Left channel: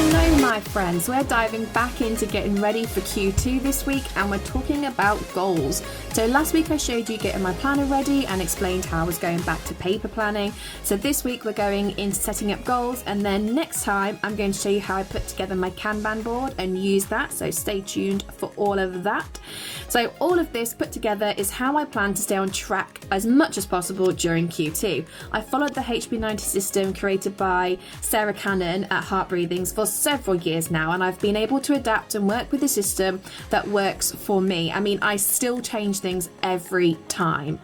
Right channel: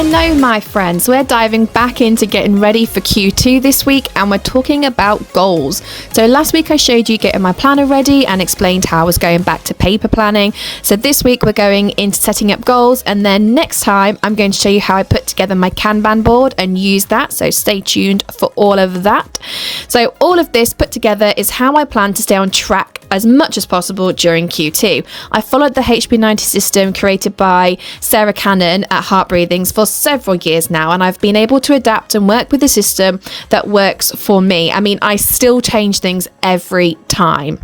Hello my friends, we're diving back into getting ready for Q2 this week and we're talking about goals. So last week I showed you getting my planner ready and explained how I was going back to paper planning. So this week we're going into setting up goals, and then next time I'm going to show you how I put together my Kanban board and use that, so stay tuned for all of that. So all of this put together is how I plan to stay on track as much as possible during Q2. I followed the HB90 system created by Sarah Cannon at Heart Breathings for several years now, and I've been able to adapt and work with a system that works for me. I mean, I still change things every time.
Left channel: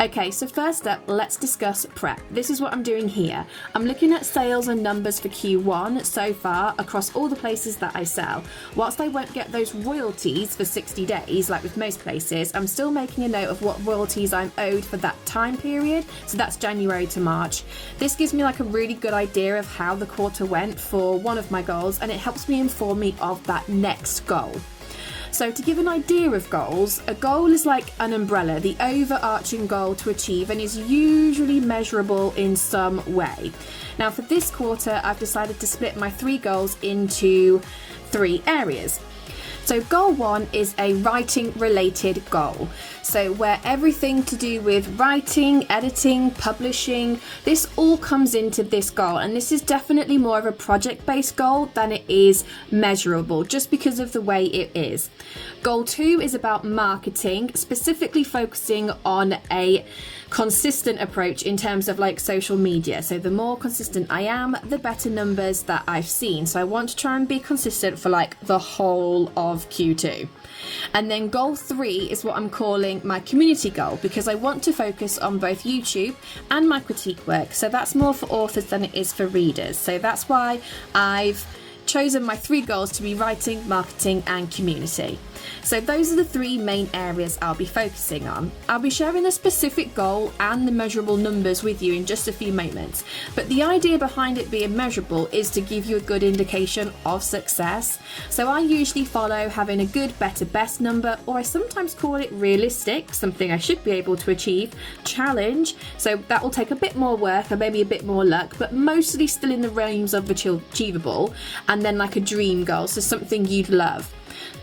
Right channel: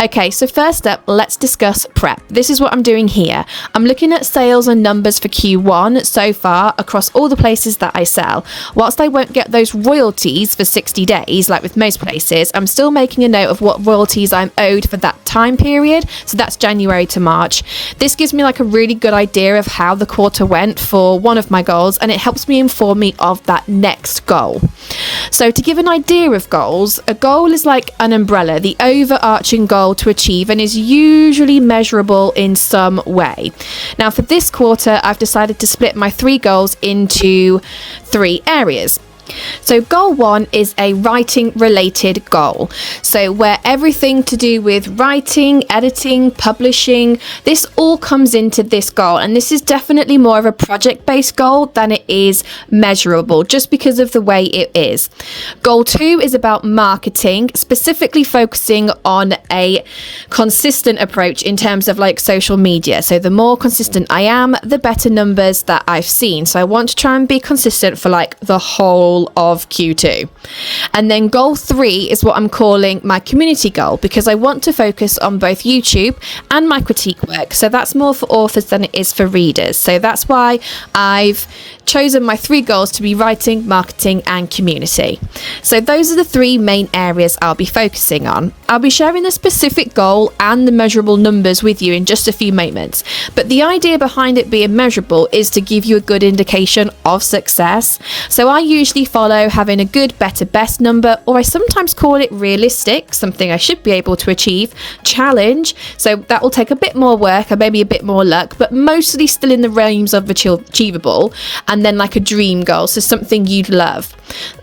Okay, so first up, let's discuss prep. This is what I'm doing here. I'm looking at sales and numbers for Q1 so far across all the places that I sell. Whilst I won't get those royalties for 60 days, like with most places, I'm still making a note of what royalties I'm owed for that time period. So that's January to March. This gives me like a really good idea of how the quarter went for one of my goals, and it helps me inform me of that next goal. So to give an idea of goals, a goal is like an umbrella, the overarching goal to achieve, and is usually measurable in some way. Now for this quarter, I've decided to split my 3 goals into 3 areas. So goal 1 is a writing related goal. So where everything to do with writing, editing, publishing, this all comes into this goal. And this is definitely more of a project based goal than it is measurable, just because of the way it is. Goal 2 is about marketing, specifically focusing on a consistent approach in terms of like social media. So the more consistent I am, the better numbers that I've seen. So I want to try and be consistent for like the whole of Q2. And then goal 3 is what I'm calling my community goal, because I want to focus on both YouTube and my critique work. So that's more for authors than it is for readers. So that's why I've chosen my 3 goals to be writing, marketing and community. So those are the 3 main areas I'll be focusing on. I'll be sharing the specific goal and the measurable numbers with you in just a few moments, but the idea behind it being measurable is to give you a good indication of success. So I usually follow having a good, better, best number, or I sometimes call it realistic, something I should be able to achieve, challenge. So that will take a bit more work and maybe a bit more luck, but mostly still in the realms of achievable. And then like a dream goal, so something you'd love.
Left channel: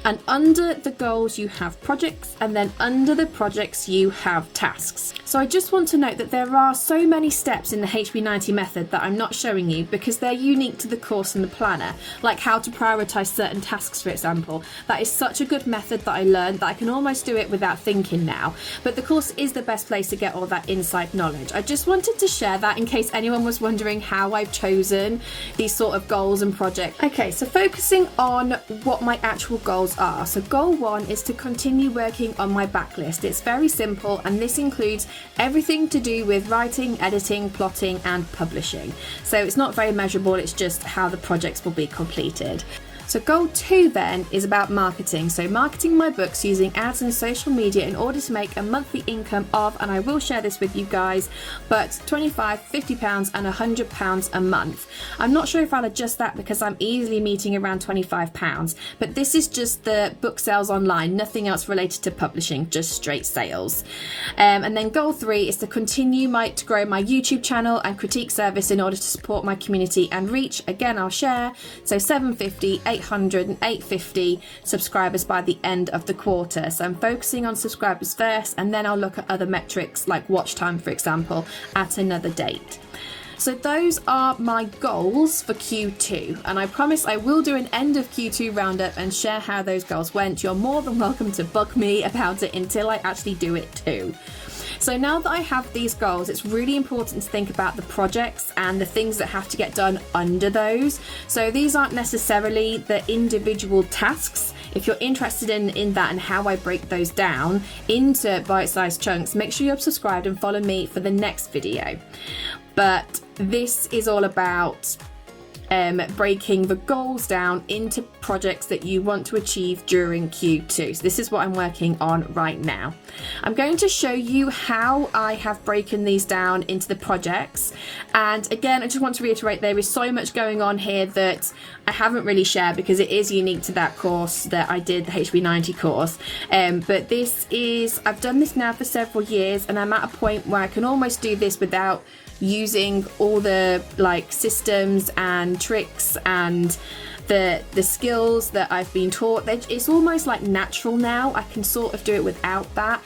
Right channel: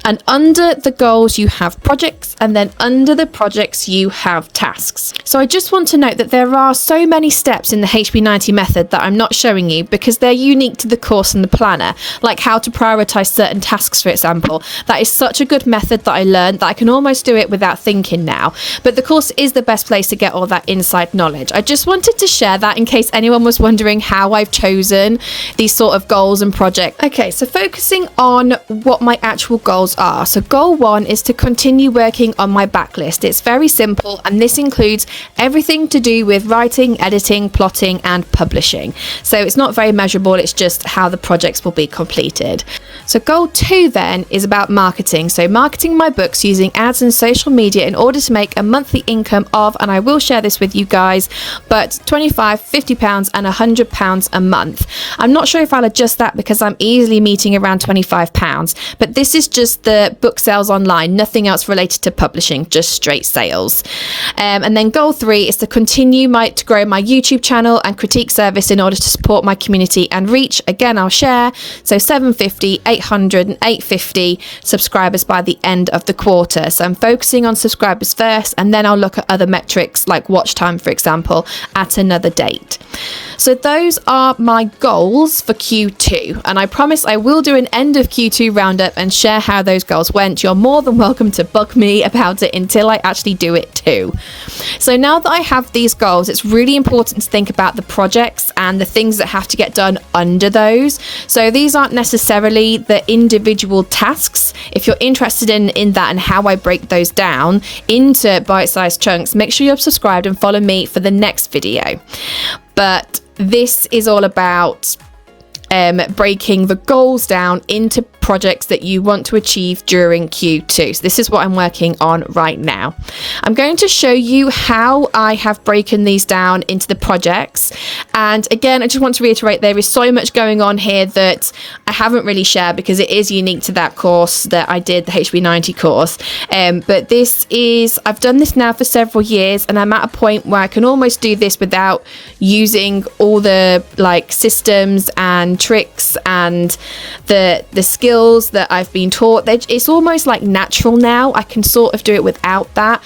And under the goals you have projects, and then under the projects you have tasks. So I just want to note that there are so many steps in the HB90 method that I'm not showing you because they're unique to the course and the planner, like how to prioritize certain tasks, for example. That is such a good method that I learned that I can almost do it without thinking now. But the course is the best place to get all that inside knowledge. I just wanted to share that in case anyone was wondering how I've chosen these sort of goals and projects. Okay, so focusing on what my actual goals are. So goal 1 is to continue working on my backlist. It's very simple, and this includes everything to do with writing, editing, plotting and publishing. So it's not very measurable, it's just how the projects will be completed. So goal 2 then is about marketing. So marketing my books using ads and social media in order to make a monthly income of, and I will share this with you guys, but £25, £50 and £100 a month. I'm not sure if I'll adjust that because I'm easily meeting around £25, but this is just the book sales online, nothing else related to publishing, just straight sales. And then goal 3 is to continue to grow my YouTube channel and critique service in order to support my community and reach, again I'll share, so 750, 800 and 850 subscribers by the end of the quarter. So I'm focusing on subscribers first, and then I'll look at other metrics like watch time, for example, at another date. So those are my goals for Q2, and I promise I will do an end of Q2 roundup and share how those goals went. You're more than welcome to bug me about it until I actually do it too. So now that I have these goals, it's really important to think about the projects and the things that have to get done under those. So these aren't necessarily the individual tasks. If you're interested in that and how I break those down into bite-sized chunks, make sure you're subscribed and follow me for the next video. But this is all about breaking the goals down into projects that you want to achieve during Q2. So this is what I'm working on right now. I'm going to show you how I have broken these down into the projects. And again, I just want to reiterate, there is so much going on here that I haven't really shared because it is unique to that course that I did, the HB90 course. But this is, I've done this now for several years, and I'm at a point where I can almost do this without using all the like systems and tricks and the skills that I've been taught. It's almost like natural now. I can sort of do it without that.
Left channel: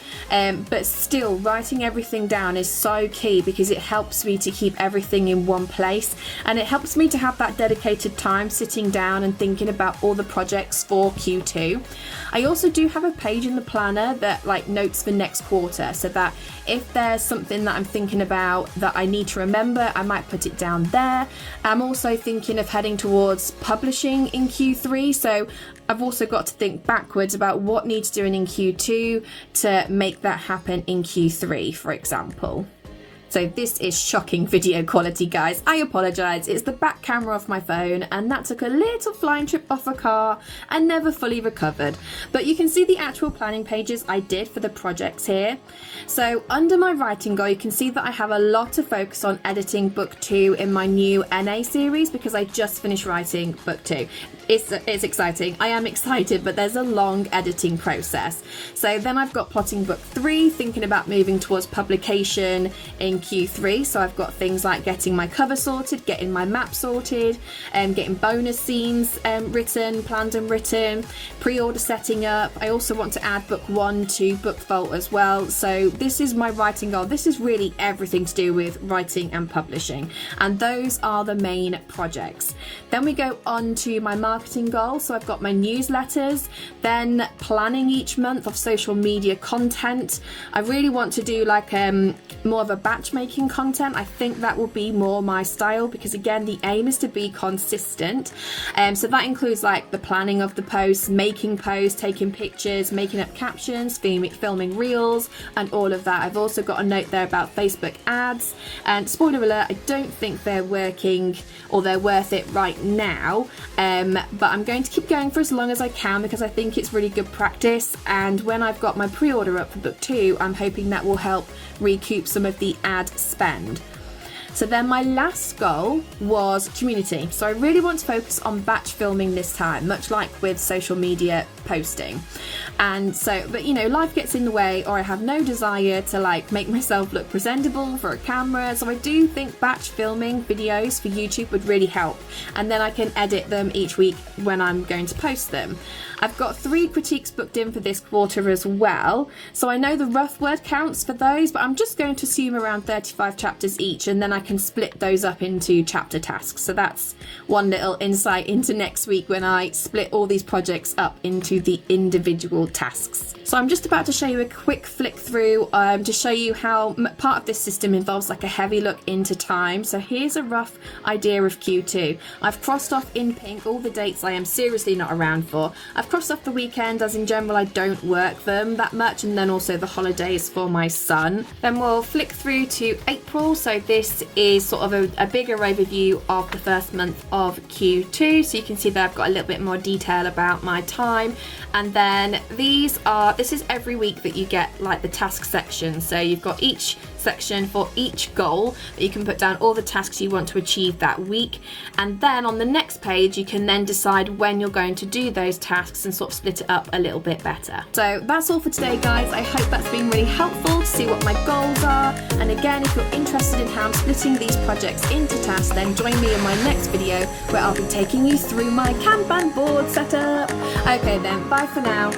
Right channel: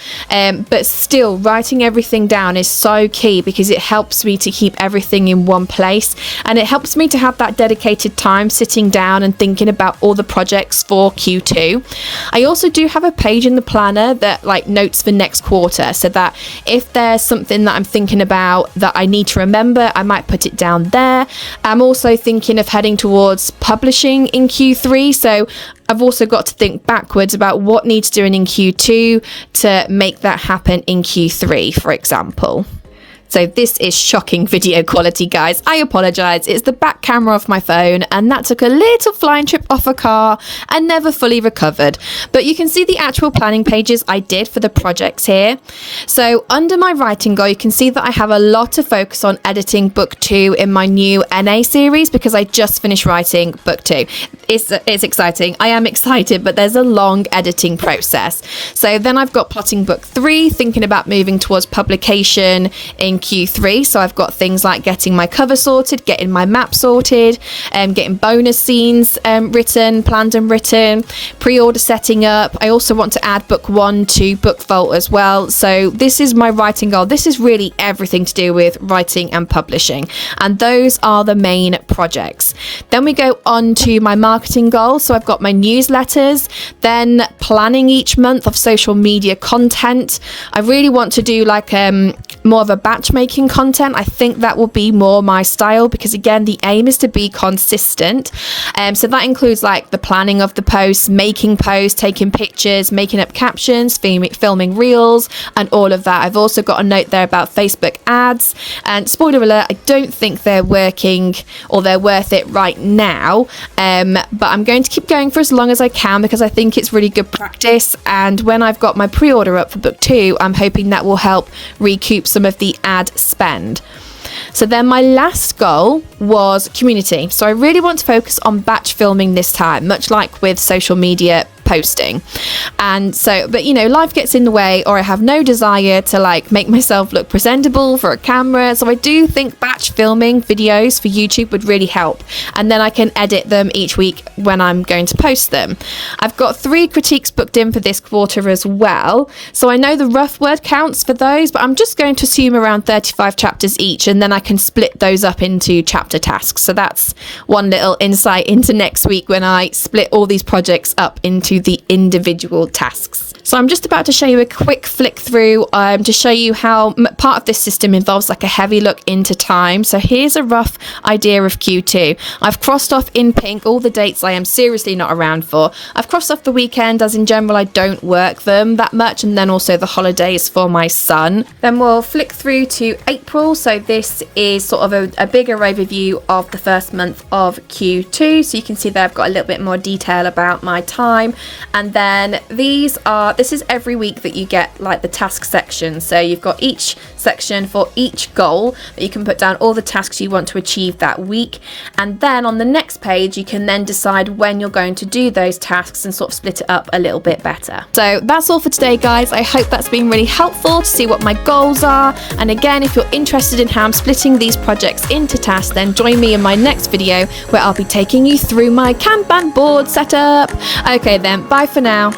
But still, writing everything down is so key because it helps me to keep everything in one place, and it helps me to have that dedicated time sitting down and thinking about all the projects for Q2. I also do have a page in the planner that like notes for next quarter, so that if there's something that I'm thinking about that I need to remember, I might put it down there. I'm also thinking of heading towards publishing in Q3, so I've also got to think backwards about what needs doing in Q2 to make that happen in Q3, for example. So this is shocking video quality, guys. I apologize. It's the back camera of my phone, and that took a little flying trip off a car and never fully recovered. But you can see the actual planning pages I did for the projects here. So under my writing goal, you can see that I have a lot to focus on editing book 2 in my new NA series because I just finished writing book 2. It's exciting. I am excited, but there's a long editing process. So then I've got plotting book 3, thinking about moving towards publication in Q3. So I've got things like getting my cover sorted, getting my map sorted, getting bonus scenes written, planned and written, pre-order setting up. I also want to add book 1 to book vault as well. So this is my writing goal. This is really everything to do with writing and publishing, and those are the main projects. Then we go on to my marketing goals. So I've got my newsletters, then planning each month of social media content. I really want to do like more of a batch making content. I think that will be more my style because again, the aim is to be consistent. So that includes like the planning of the posts, making posts, taking pictures, making up captions, filming reels, and all of that. I've also got a note there about Facebook ads, and spoiler alert, I don't think they're working or they're worth it right now. But I'm going to keep going for as long as I can because I think it's really good practice. And when I've got my pre-order up for book 2, I'm hoping that will help recoup some of the ad spend. So then my last goal was community. So I really want to focus on batch filming this time, much like with social media posting. And so, but you know, life gets in the way, or I have no desire to like make myself look presentable for a camera. So I do think batch filming videos for YouTube would really help. And then I can edit them each week when I'm going to post them. I've got 3 critiques booked in for this quarter as well. So I know the rough word counts for those, but I'm just going to assume around 35 chapters each, and then I can split those up into chapter tasks. So that's one little insight into next week when I split all these projects up into the individual tasks. So I'm just about to show you a quick flick through to show you how part of this system involves like a heavy look into time. So here's a rough idea of Q2. I've crossed off in pink all the dates I am seriously not around for. I've crossed off the weekend, as in general I don't work them that much, and then also the holidays for my son. Then we'll flick through to April. So this is sort of a bigger overview of the first month of Q2. So you can see there I've got a little bit more detail about my time. And then this is every week that you get like the task section. So you've got each section for each goal that you can put down all the tasks you want to achieve that week. And then on the next page, you can then decide when you're going to do those tasks and sort of split it up a little bit better. So that's all for today, guys. I hope that's been really helpful to see what my goals are. And again, if you're interested in how I'm splitting these projects into tasks, then join me in my next video where I'll be taking you through my Kanban board setup. Okay then, bye for now.